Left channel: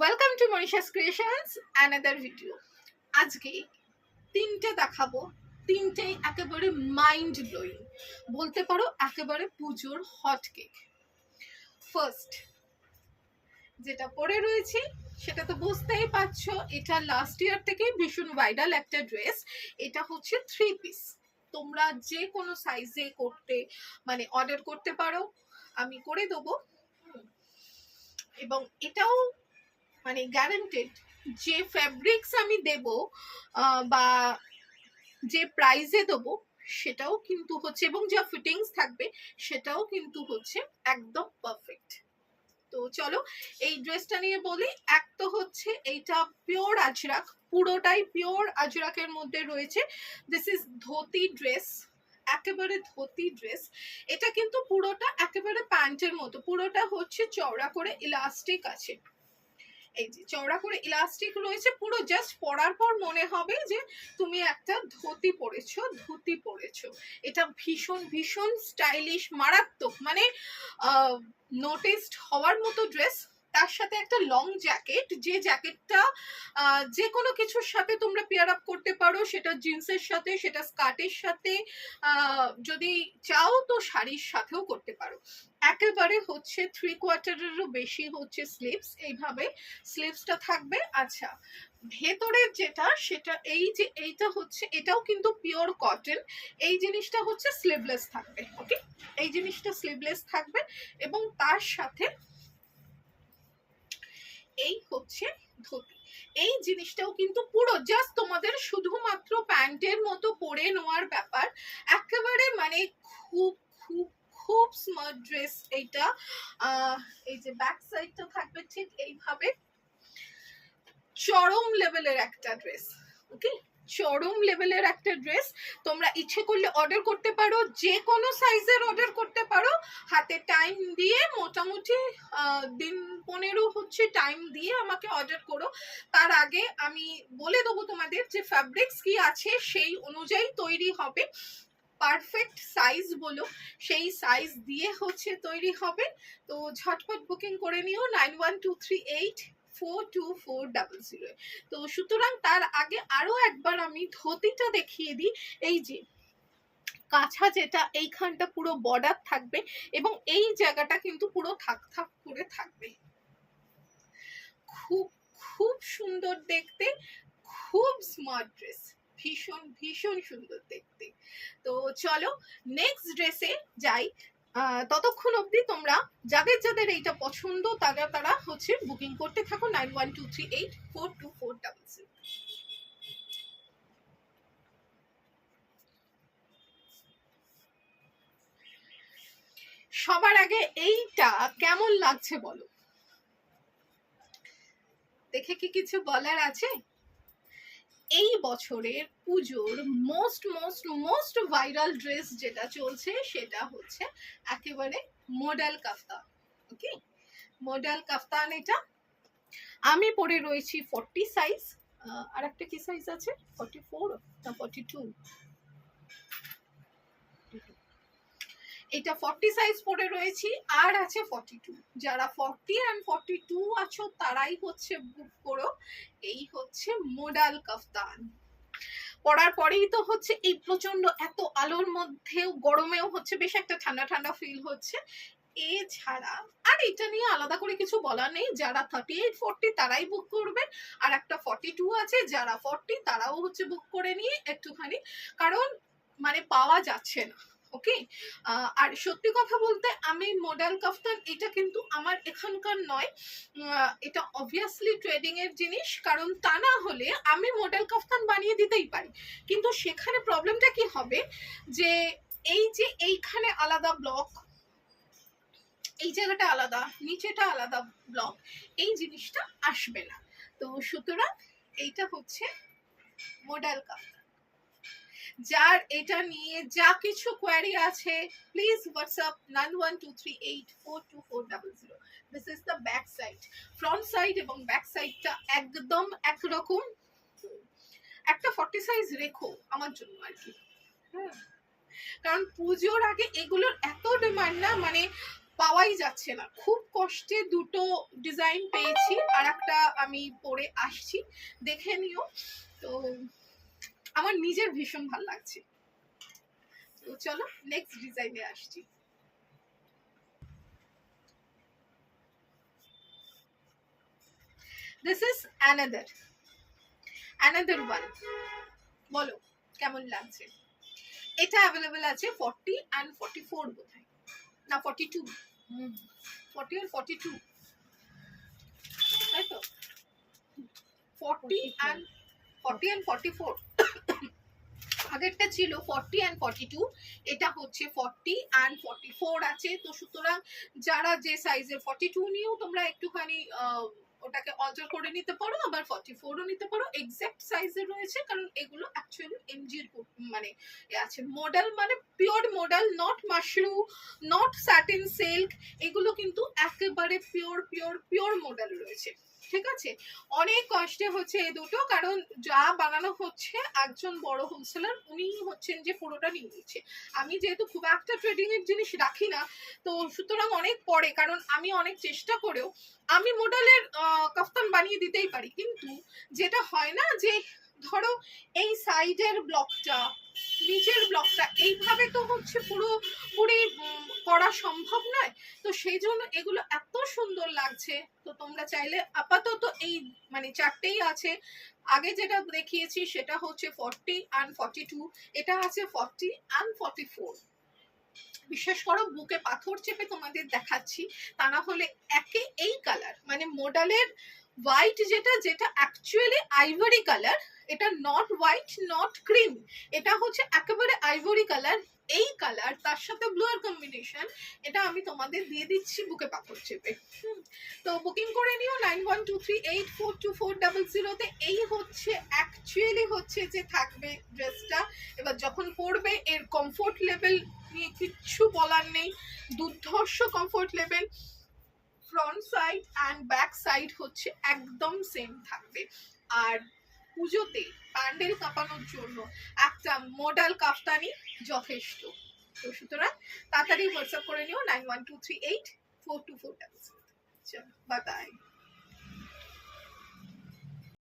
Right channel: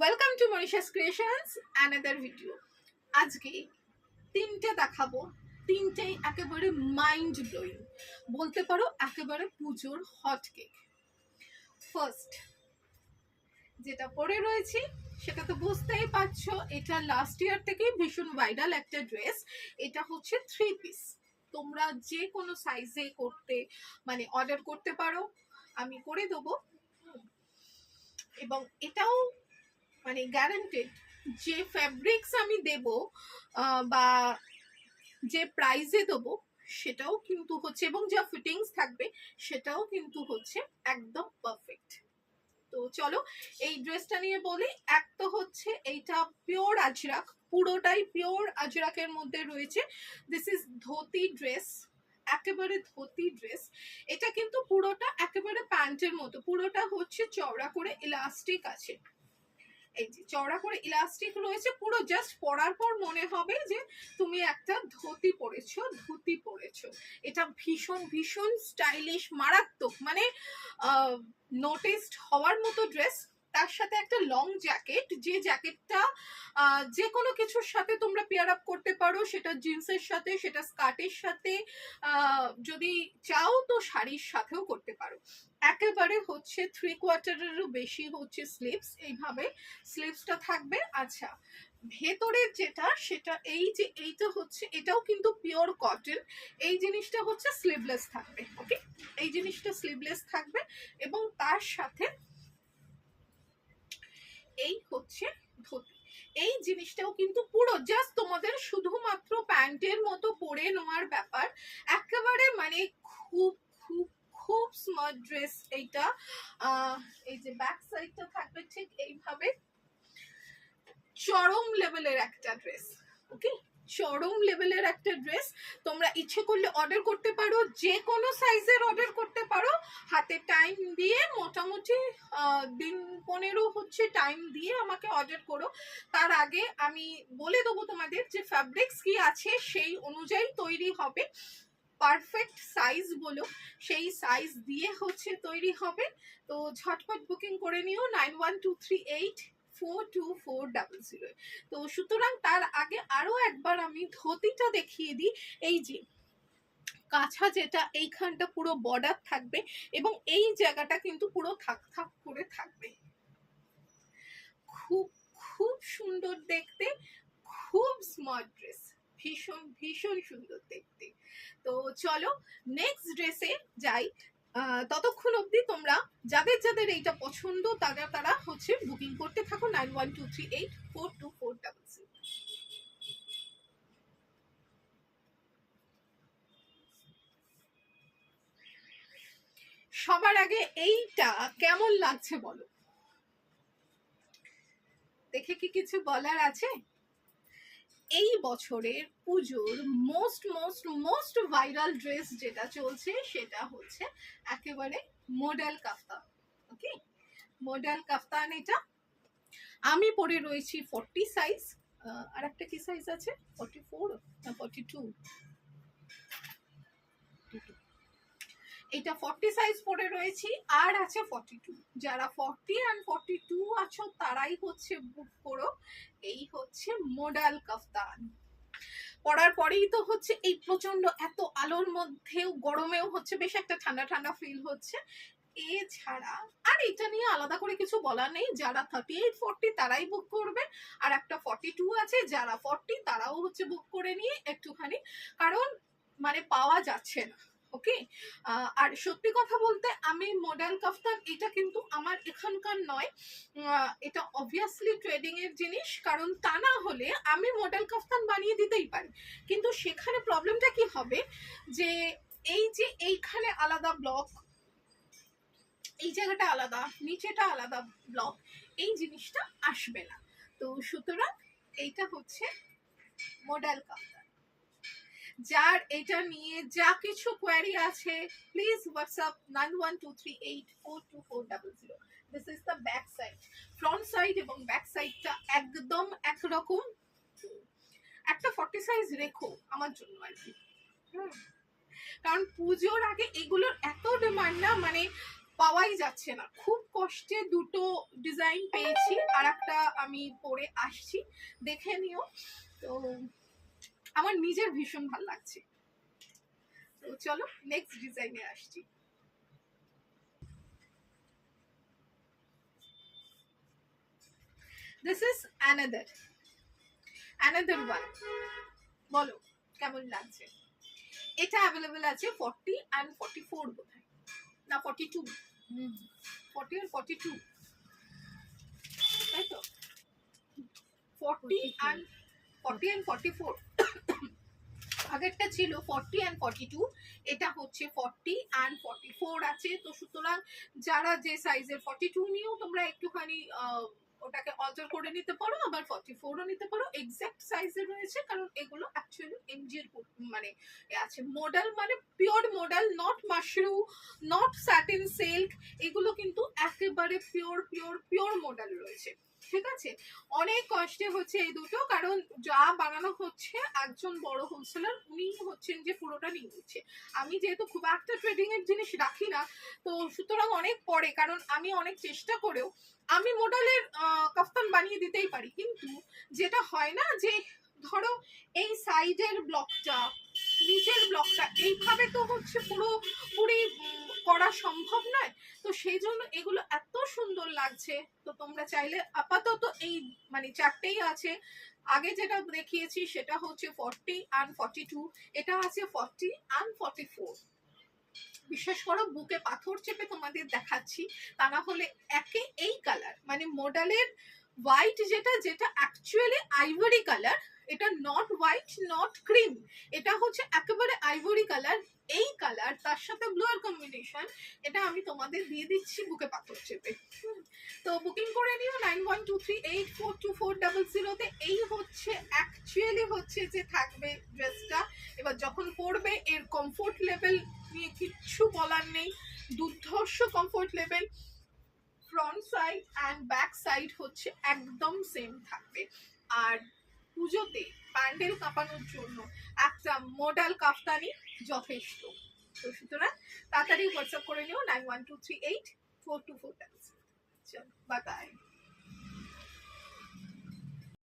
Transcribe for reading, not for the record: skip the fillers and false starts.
Welcome to Manisha's creations another video. আজকে তিনটে দেখাবো, তিনটেই একেবারে মাইন্ড ব্লোয়িং, বলতে পারো একেবারে পুজোর হট কেক। ফার্স্ট যেটা পরে রয়েছি সেটা তো বুঝতেই পারছো, এটা লাস্ট ইয়ার থেকেই ভীষণ ভাইরাল একটা ড্রেস। এটা হচ্ছে 3 পিস। তোমরা যে কোনো সাইজে করতে মানে অর্ডার করতে পারো, আমি করে দেবো। এবং এটাও মানে গ্যারান্টেড যে ফ্যাব্রিক্স আমি দেব বা যে প্রাইসে দেবো সেটাও কিন্তু হচ্ছে, এবং যা ফিটিংস থাকবে সেটাও কিন্তু হচ্ছে একদম পারফেক্ট। তো চলো এই ড্রেসটা নিয়ে বলি। এক তো হচ্ছে এইটা পিওর আজরাক, পুরোটাই পিওর আজরাকের মধ্যে রয়েছে। দিস ইজ ধুতি ড্রেস, একেবারে ধুতি ড্রেস। এটা কিন্তু পুরোটা একেবারে প্যান্টের মতো, পুরোটা হচ্ছে চওড়া করে ইলাস্টিক আছে। এই যে চওড়া করে ইলাস্টিক রয়েছে, পুরো জাস্ট পরার পর মনে হবে যে তুমি একটা ধুতি পরেছো। এটা ভীষণ ভীষণ স্টাইলিশ, মারাত্মক, মানে নোটিসড হওয়ার মতো ড্রেস। তার সাথে একটা লং জ্যাকেট, যে জ্যাকেটটা যে কোনো কিছুর সাথে তোমরা পেয়ার আপ করতে পারো, সেটা জিন্সের সাথে, সেটা স্কার্টের সাথে, যদি চাও তো শাড়ির সাথেও করতে পারো। একেবারে হচ্ছে 3/4-এরও বেশি হচ্ছে স্লিভস, এইভাবে স্লিভসটা থাকবে। আচ্ছা, ভেতরের যেটা সেটা এই যে এইটা হচ্ছে, এটাও কিন্তু পিওর কটন। এই জিনিসটা হচ্ছে স্লিভলেস থাকবে। ওকে, এই জিনিসটা স্লিভলেস থাকবে এবং তার সাথে এই হচ্ছে ধুতি। এই জিনিসটাও কিন্তু পুরো জাস্ট তোমাদের শুধুমাত্র প্যান্টের মতো পরে নেওয়ার ব্যাপার। একেবারে মানে খুব খুব খুব স্মার্ট ড্রেস এইটা। এই যে ব্যাক সাইডটা থাকবে ঠিক এইভাবে, চরম লেভেলের একটা ড্রেস। ওকে, চরম লেভেলের একটা ড্রেস। তোমরা ইচ্ছে করলে অর্ডার করতে পারো, যে কোনো সাইজের অর্ডার করতে পারো। হাতে টাইম দিয়ে মোটামুটি দিন 15 হচ্ছে টাইম দিয়ে আমাকে অর্ডার করো। তার আগে আমি বলে দেবো তোমাদের যে ফ্যাব্রিক্স কি আছে, সেই অনুযায়ী তৈরি হবে। পারফেক্ট সাইজ বলো, সেই সাইজ দিয়ে হচ্ছে তৈরি হবে। তো ঝটপট বুকিং করে নিও 9123842400। তো সুতরাং তার আগে আরো একবার আমি ধুতিটা দেখিয়ে দিই। এই যে কাছা, যেটা এইখানটা পুরো বর্ডার থাকবে এবং এই জায়গাটা কিন্তু পুরো থাক থাক করে থাকবে। খুব খুব সুন্দর দেখতে, খুব স্মার্ট ড্রেস, ভীষণ ভীষণ সুন্দর দেখতে। তো চলো নেক্সট ড্রেসে যাই। ততক্ষণ অবধি তোমরা যাদের যাদের এইটা পছন্দ তারা হচ্ছে বুকিং করতে থাকো 9123842400। সবার আগে এইটা কেমন লাগছে বলো, দেখে কি কিছু বলার আছে? এই বছরের পুজোর most most most viral dress যেটা চলছে সেটা হচ্ছে একেবারে মডেল কাফতান। ওকে, মডেল কাফতান। এটা আমি পরে রয়েছি 40 সাইজ। আর একটা কি সাইজ আছে, 44 না 42? এটা 40 সাইজ পরে রয়েছি, আর আছে 42। যারা 40 and 42 আছো তারাই হচ্ছে বুক করো। এই হচ্ছে মডেল কাফতান। পরার পরেই তো হচ্ছে এই প্রচন্ড এত আলোর মধ্যেও গরমেও হচ্ছে বেশ একটা ঠান্ডা ঠান্ডা ফিল হচ্ছে। এছাড়া আর এটা নিয়ে আলাদা করে কিছু বলার নেই, যারা 38-40 তারাই বুক করবে। আর একটা 42 আছে, যারা 40 তারাও হচ্ছে বুক করে নিয়ে একটুখানি, কারণ মানে পাওয়া যাচ্ছে না। ওকে, আর সত্যি কথা বলতে আমি মডেল কাফতান, এটা কিন্তু আমার এখানকার নয়, এটা অবভিয়াসলি ট্রেডিং এর জিনিস। কারণ তা না হলে আমি মডেল কাফতান বানিয়ে দিতেই পারি, কিন্তু সেখানে প্রবলেমটা কি হবে যে এই যে এইখানে আলাদা ব্লক, এই জায়গাটা আলাদা, নিচেটা আলাদা ব্লক, এই জিনিসটা আসবে না। তো সুতরাং এইটা হচ্ছে মডেল কাফতান। যার এটা নিয়ে যা কিছু কোয়ারি আছে please WhatsApp 9123842400। This is the back side. Front side এবং ব্যাক সাইডটা একদম একরকম। একটা 40 সাইজ রেখো আমার জন্য আর কি। কারণ পুজোর আগে এগুলোর এত ডিমান্ড না, মানে পাওয়াই যাচ্ছে না, খুব কষ্টে দুটো ডিজাইন পেয়েছি, আর একটা আমি পরে আসছি, দেখে নিও। তো আমার নিজের ভীষণ ভালো লাগছে। তো চলো নেক্সট ডিজাইনে আসছি। This is another one. বলো কেমন লাগছে? এটা অ্যাভেলেবেল আছে 40 and 44 বোধহয়, না 42, 40 আর 42, তাই তো? 40 and 44 আগেরটা ছিল 40 and 42, এটা হচ্ছে 40 and 44 আছে। তো সুতরাং যারা যে সাইজের 42 নিয়েও তোমরা একটুখানি ওটাকে অল্টার করে নিতে পারো, আবার 44ও নিতে পারো, এক্সাক্ট সাইজের রয়েছে, কারণ এগুলো অ্যাকচুয়ালি এমজির মানে আছে মডেল, মানে pure model, not Mashru, not satin silk, এগুলো কিন্তু একেবারে পিওর মডেল রয়েছে, ঠিক আছে? অনেক কষ্টে হচ্ছে এই দুটো, কারণ যা বানানো হচ্ছে একজন বড় হোলসেলার, উনি হচ্ছেন যে পুরোটা নিয়ে নিচ্ছে। আমি যেহেতু খুব একটা ট্রেডিং এর জিনিস রাখি না, তো সুতরাং অনেক পরে, কারণ আমি অনেক চেষ্টা করেও আমি মডেলের কাফতান বানিয়ে দিতেই পারি, কিন্তু যেটা হয় না যে ধরো এই সাইডের ব্লকটা, নিচের ব্লকটা এইভাবে তো হচ্ছে পুরোপুরি করা সম্ভব নয়। তো সেই জন্য এগুলো এত সুন্দর লাগছে। তো তোমরা চাইলে আপাতত এই মানে চারটেই আছে, আগে যেটা দেখিয়েছি সেটা হচ্ছে 40 and 42, এটা আছে 40 and 44। বিশ্বাস করো বুকে পাথর চেপে তোমাদের দেখাচ্ছি, তা না হলে একে এই কালার মানে মডেলের হোয়াইট, যেটা অ্যাকচুয়ালি আইভরি কালার, এটা নট হোয়াইট নট ক্রিম, এটা হচ্ছে একেবারে আইভরি কালার, এই কালার তার সাথে ব্লু এর কম্বিনেশন, এটা আমি তোমাদের দিয়ে দিচ্ছি বুকে পাথর চেপে। তো বুকিং করে নিও 9123842400 তে। এই হচ্ছে অ্যাকচুয়ালি হচ্ছে যে থাকবে ড্রেসটা, এবার যখন পরবে এর কমফোর্ট লেভেল নিয়ে কিচ্ছু বলার নেই, দুর্ধর্ষ comfort level, front side and back side হচ্ছে একদম সেম থাকবে। আর পুজোতে প্যান্ডেল কাঁপানোর জন্য একটা মডেল কাফতানি যথেষ্ট। তো সুতরাং তাড়াতাড়ি হোয়াটসঅ্যাপ করে নিও 9123842400। চলো বাই বাই।